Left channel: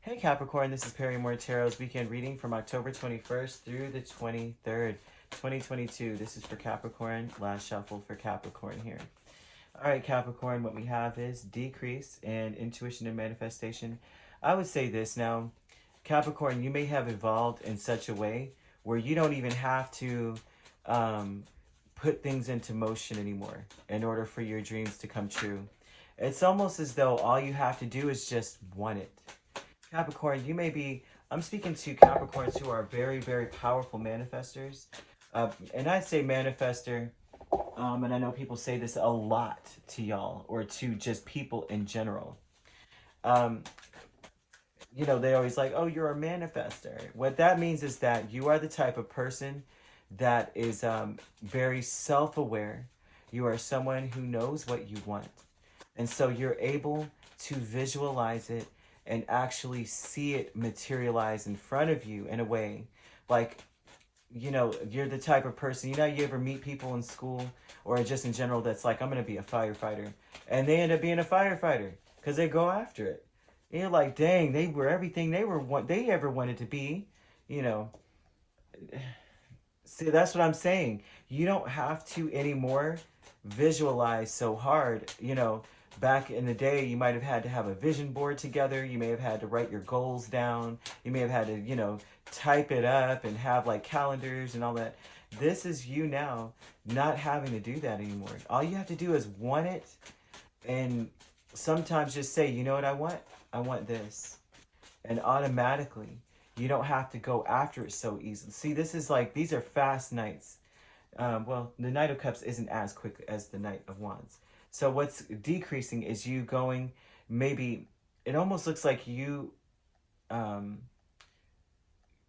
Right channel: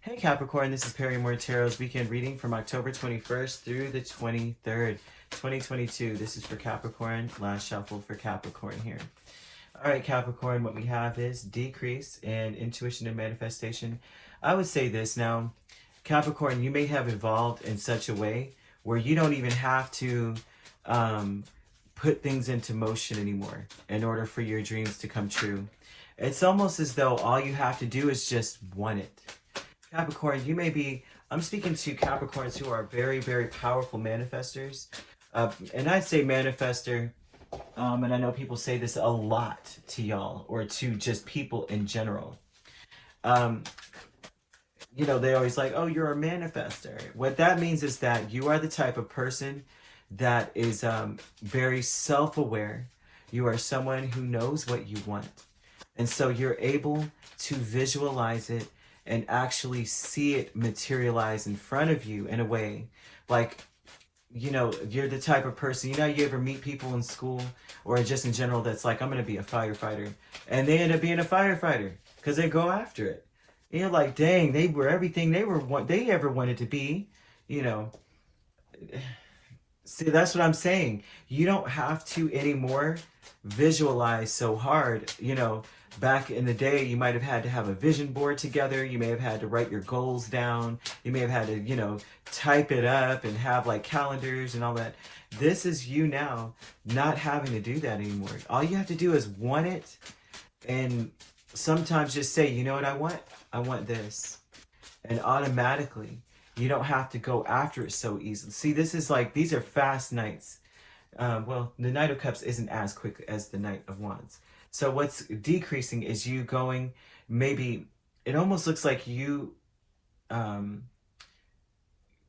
Hey Capricorn, this is Perrymoretarot's weekend reading from October 21st through the 23rd, 2022. This is for Capricorn, last shuffle for Capricorn here. Alright Capricorn, what we have is decrease in intuition and manifestation. I would say this now, Capricorn, you may have evolved in such a way where you don't even have to put things into motion anymore in order for your dreams to come true. It's almost as though all you have to do is just want it. Capricorn, you may be, I'm speaking to Capricorns who are very, very powerful manifestors. And I say manifester, and I know people say this a lot to y'all, or to just people in general. You know, they're always like, oh, you're a manifester. What that means is that you are the type of person that is very self-aware. You are someone who knows what you want. And so you're able to visualize it and actually see it materialize in front of you in a way. Like, you know, you're the type of person, you know, you ever meet people in school or just in general that's like, I'm going to be a firefighter. And they end up being a firefighter because they go after it. And you're like, dang, they were everything they ever wanted to be, you know. See, that's what I'm saying. You don't have to anymore visualize so hard. You know, back in the day, you might have had to have a vision board together. You may have had to write your goals down. You may have had to, you know, type it up and have like calendars and all that. This is you now not having to do that anymore. All you have to do is want it, and sometimes just say, you know what I want? I want this. And automatically, you don't have to go after it so easily. See, this is like, these are fast nights. Well, the Knight of Cups isn't as quick as the Knight of Wands. So what's decreasing is you going, maybe, it almost looks like you,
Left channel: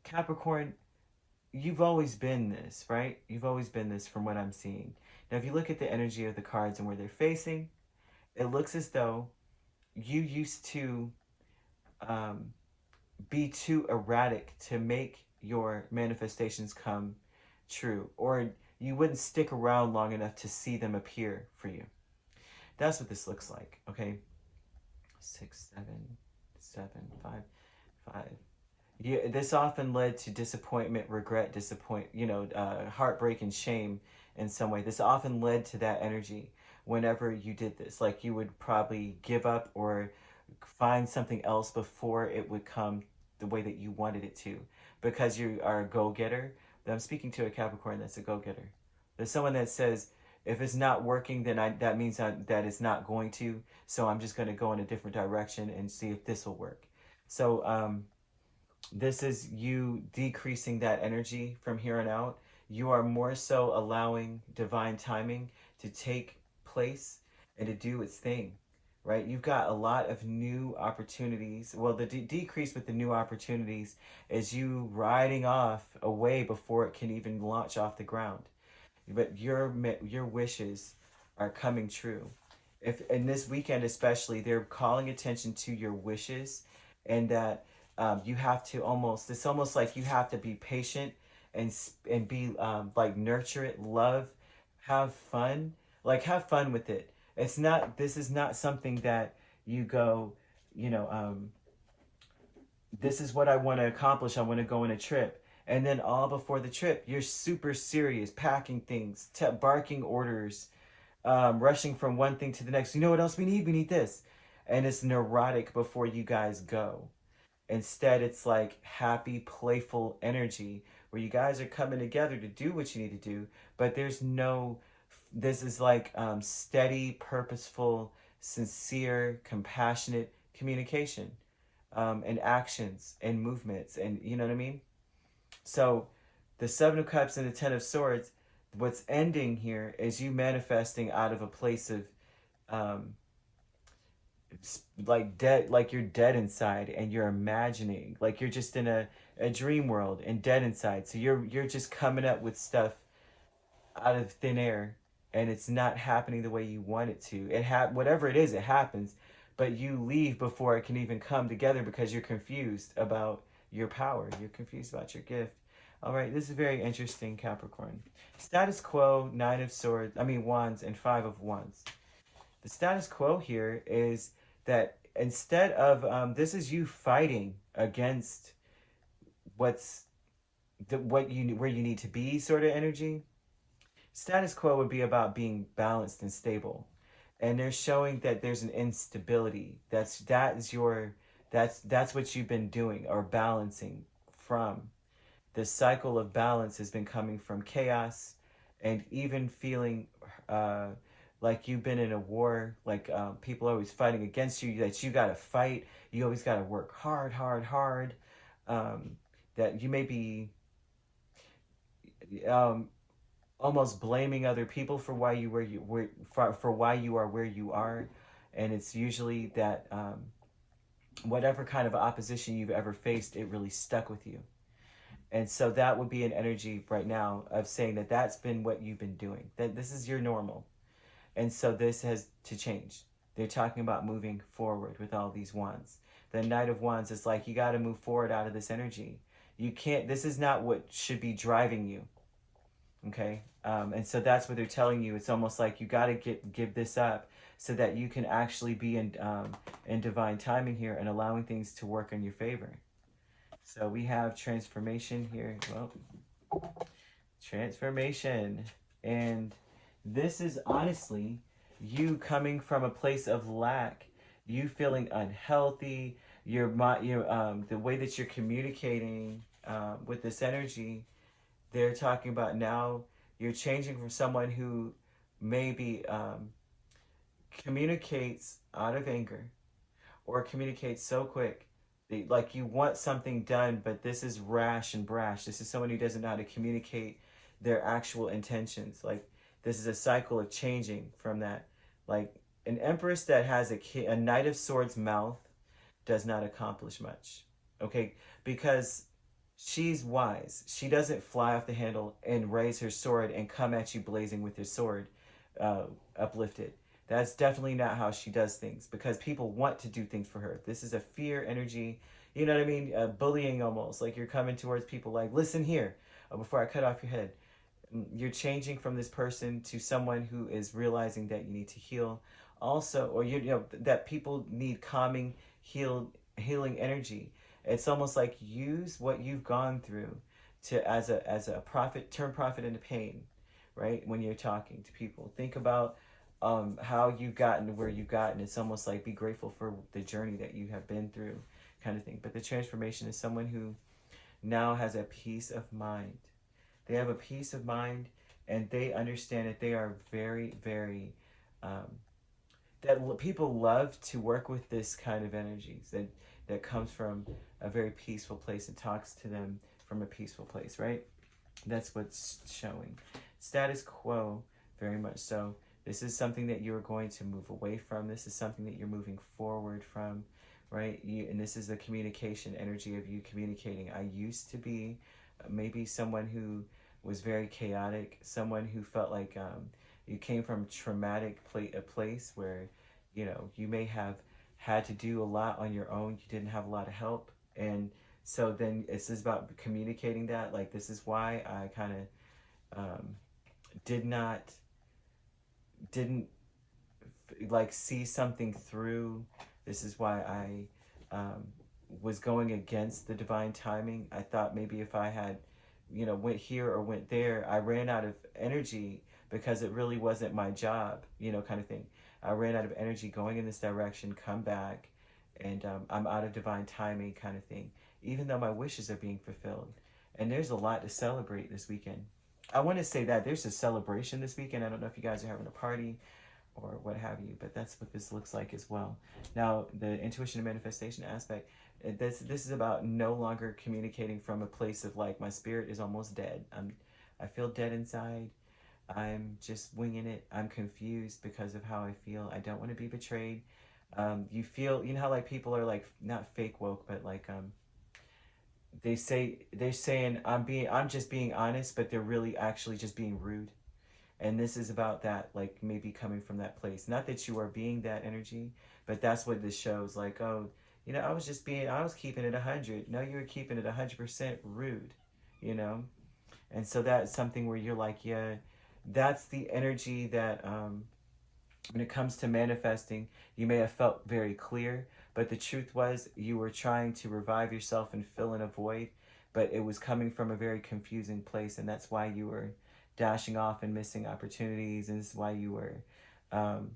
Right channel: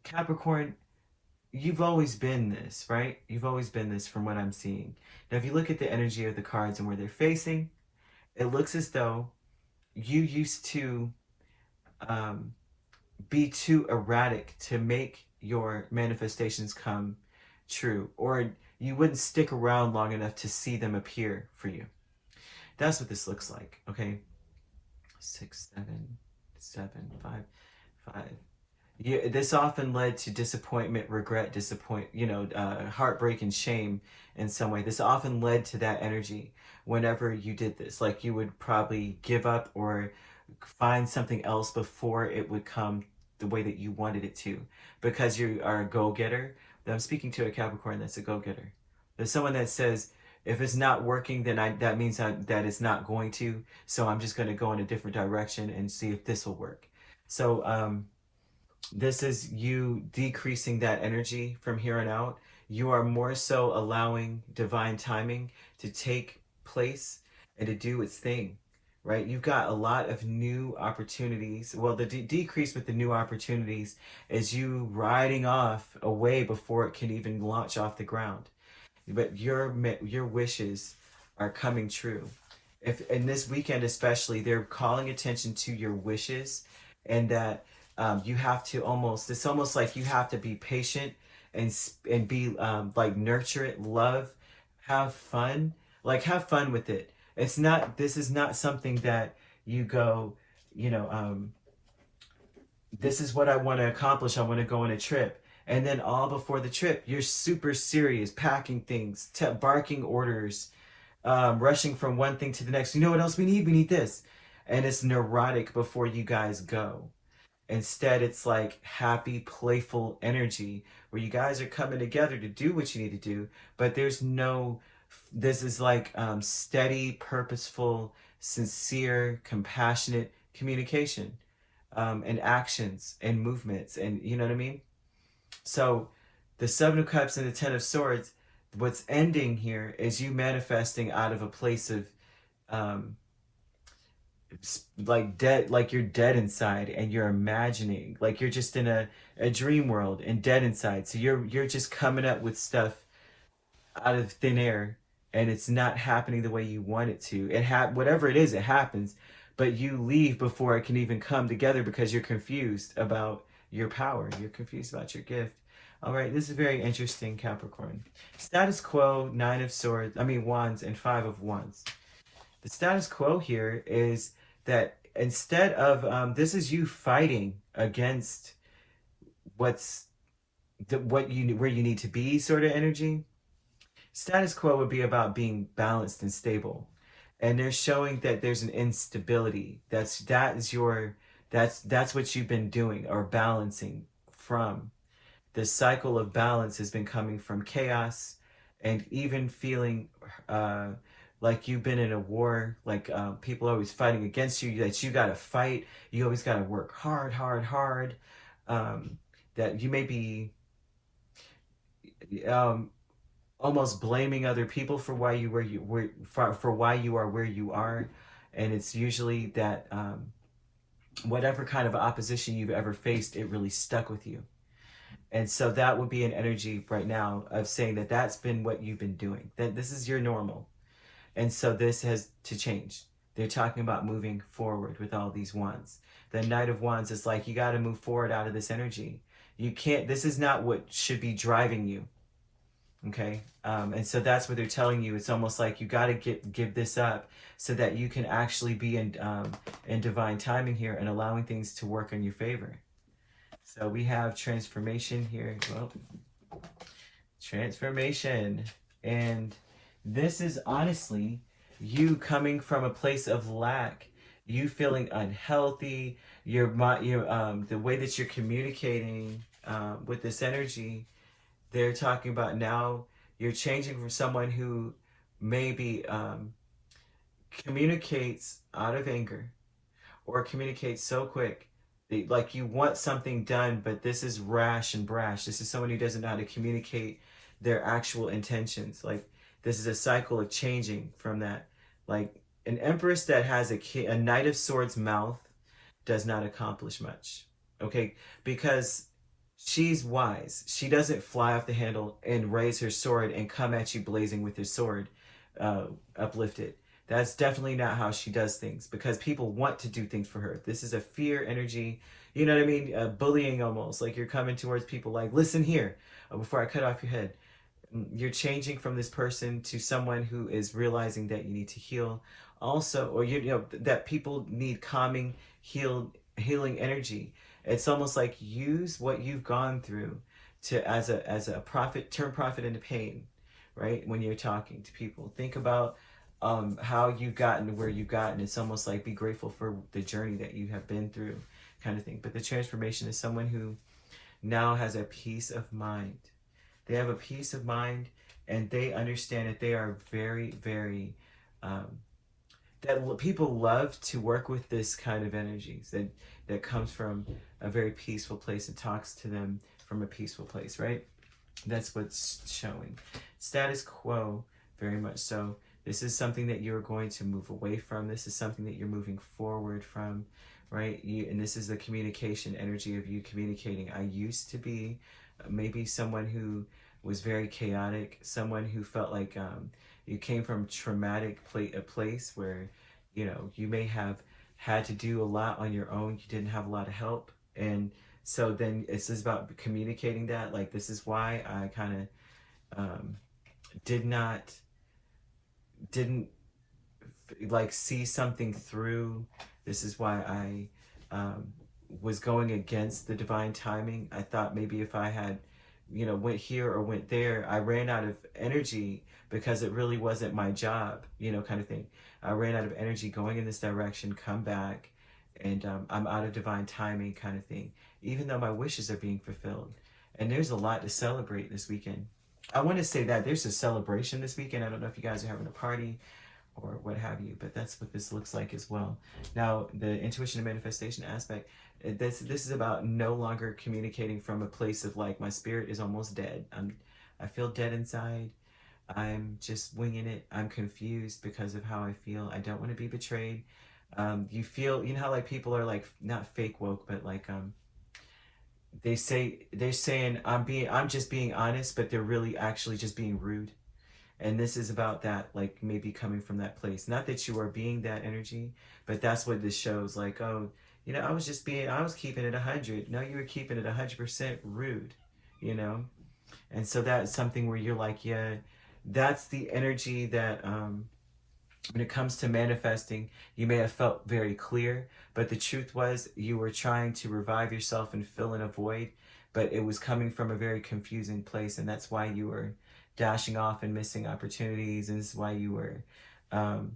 Capricorn, you've always been this, right? You've always been this from what I'm seeing. Now, if you look at the energy of the cards and where they're facing, it looks as though you used to be too erratic to make your manifestations come true, or you wouldn't stick around long enough to see them appear for you. That's what this looks like, okay? 6, 7, 7, 5, 5. This often led to disappointment, regret, heartbreak and shame in some way. This often led to that energy whenever you did this. Like you would probably give up or find something else before it would come the way that you wanted it to, because you are a go-getter. I'm speaking to a Capricorn that's a go-getter. There's someone that says, if it's not working, then that means that it's not going to, so I'm just going to go in a different direction and see if this will work. So this is you decreasing that energy from here on out. You are more so allowing divine timing to take place and to do its thing, right? You've got a lot of new opportunities. Well, the decrease with the new opportunities is you riding off away before it can even launch off the ground. But your wishes are coming true. If in this weekend especially, they're calling attention to your wishes, and that you have to it's almost like you have to be patient and be like, nurture it, love, have fun, like have fun with it. It's not, this is not something that you go, you know, this is what I want to accomplish. I want to go on a trip. And then all before the trip, you're super serious, packing things, barking orders, rushing from one thing to the next. You know what else we need? We need this. And it's neurotic before you guys go. Instead, it's like happy, playful energy where you guys are coming together to do what you need to do, but there's no, this is like steady, purposeful, sincere, compassionate communication, and actions and movements, and you know what I mean? So the Seven of Cups and the Ten of Swords, what's ending here is you manifesting out of a place of like dead, like you're dead inside and you're imagining, like you're just in a dream world and dead inside. So you're just coming up with stuff out of thin air, and it's not happening the way you want it to. Whatever it is, it happens, but you leave before it can even come together because you're confused about your power. You're confused about your gift. All right, this is very interesting, Capricorn. Status quo, Wands, and 5 of Wands. The status quo here is that instead of this is you fighting against what's what you where you need to be sort of energy. Status quo would be about being balanced and stable, and they're showing that there's an instability. That's what you've been doing or balancing from. The cycle of balance has been coming from chaos, and even feeling uh, like you've been in a war, like people are always fighting against you, that you got to fight, you always got to work hard, hard, hard. Um, that you may be um, almost blaming other people for why you for why you are where you are, and it's usually that whatever kind of opposition you've ever faced, it really stuck with you. And so that would be an energy right now of saying that that's been what you've been doing, that this is your normal. And so this has to change. They're talking about moving forward with all these wands. The Knight of Wands is like, you got to move forward out of this energy. You can't, this is not what should be driving you. Okay? And so that's what they're telling you. It's almost like you got to give this up so that you can actually be in divine timing here and allowing things to work in your favor. So we have transformation here. Well, transformation. And this is honestly you coming from a place of lack, you feeling unhealthy, the way that you're communicating with this energy. They're talking about now you're changing from someone who maybe communicates out of anger or communicates so quick. Like you want something done, but this is rash and brash. This is someone who doesn't know how to communicate their actual intentions. Like this is a cycle of changing from that. Like an empress that has a Knight of Swords mouth does not accomplish much. Okay, because she's wise. She doesn't fly off the handle and raise her sword and come at you blazing with her sword uplifted. That's definitely not how she does things, because people want to do things for her. This is a fear energy, you know what I mean? Bullying almost, like you're coming towards people like, listen here, before I cut off your head. You're changing from this person to someone who is realizing that you need to heal. Also, or you know that people need calming, healing energy. It's almost like use what you've gone through to as a profit, turn profit into pain, right? When you're talking to people, think about how you've gotten to where you've gotten. It's almost like be grateful for the journey that you have been through, kind of thing. But the transformation is someone who now has a peace of mind. They have a peace of mind, and they understand that they are very, very that people love to work with this kind of energies that comes from a very peaceful place and talks to them from a peaceful place, right? That's what's showing. Status quo, very much so. This is something that you're going to move away from. This is something that you're moving forward from, right? And this is the communication energy of you communicating. I used to be maybe someone who was very chaotic, someone who felt like you came from a place where, you know, you may have had to do a lot on your own. You didn't have a lot of help. And so then it's just about communicating that. Like, this is why I kind of didn't like see something through. This is why I was going against the divine timing. I thought maybe if I had, you know, went here or went there, I ran out of energy because it really wasn't my job, you know, kind of thing. I ran out of energy going in this direction, come back, and I'm out of divine timing, kind of thing, even though my wishes are being fulfilled. And there's a lot to celebrate this weekend. I want to say that there's a celebration this weekend. I don't know if you guys are having a party or what have you, but that's what this looks like as well. Now, the intuition and manifestation aspect, this is about no longer communicating from a place of like, my spirit is almost dead. I feel dead inside. I'm just winging it. I'm confused because of how I feel. I don't want to be betrayed. You feel, you know how like people are like, not fake woke, but like they're saying I'm just being honest, but they're really actually just being rude. And this is about that, like maybe coming from that place. Not that you are being that energy, but that's what this shows. Like, oh, you know, I was keeping it 100. No, you were keeping it 100% rude, you know? And so that's something where you're like, yeah, that's the energy that When it comes to manifesting, you may have felt very clear, but the truth was you were trying to revive yourself and fill in a void, but it was coming from a very confusing place, and that's why you were dashing off and missing opportunities, and this is why you were um,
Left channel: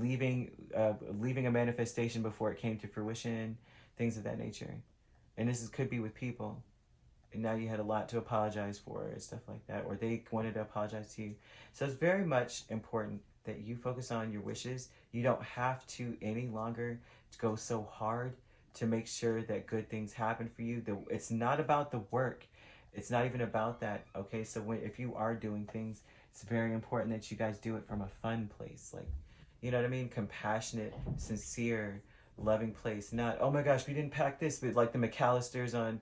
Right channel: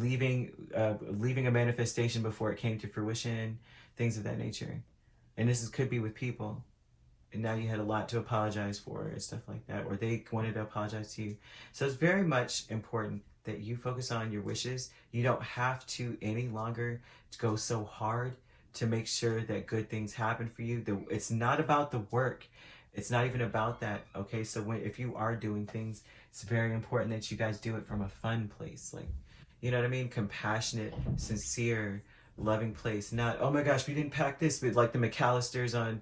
leaving a manifestation before it came to fruition, things of that nature. And could be with people, and now you had a lot to apologize for and stuff like that, or they wanted to apologize to you. So it's very much important that you focus on your wishes. You don't have to any longer go so hard to make sure that good things happen for you. It's not about the work. It's not even about that, okay? So if you are doing things, it's very important that you guys do it from a fun place. Like, you know what I mean? Compassionate, sincere, loving place. Not, oh my gosh, we didn't pack this, but like the McAllisters on,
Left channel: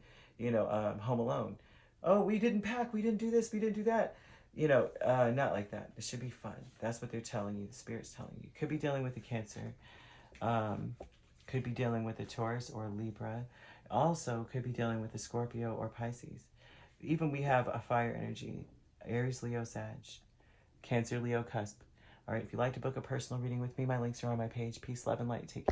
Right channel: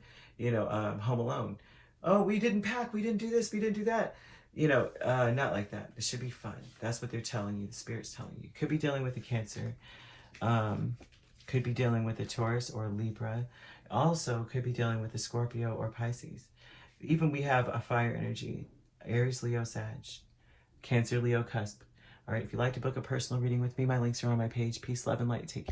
Home Alone. Oh, we didn't pack, we didn't do this, we didn't do that. Not like that. It should be fun. That's what they're telling you. The Spirit's telling you. Could be dealing with a Cancer. Could be dealing with a Taurus or a Libra. Also, could be dealing with a Scorpio or Pisces. Even we have a fire energy. Aries, Leo, Sag. Cancer, Leo, cusp. All right, if you'd like to book a personal reading with me, my links are on my page. Peace, love, and light. Take care.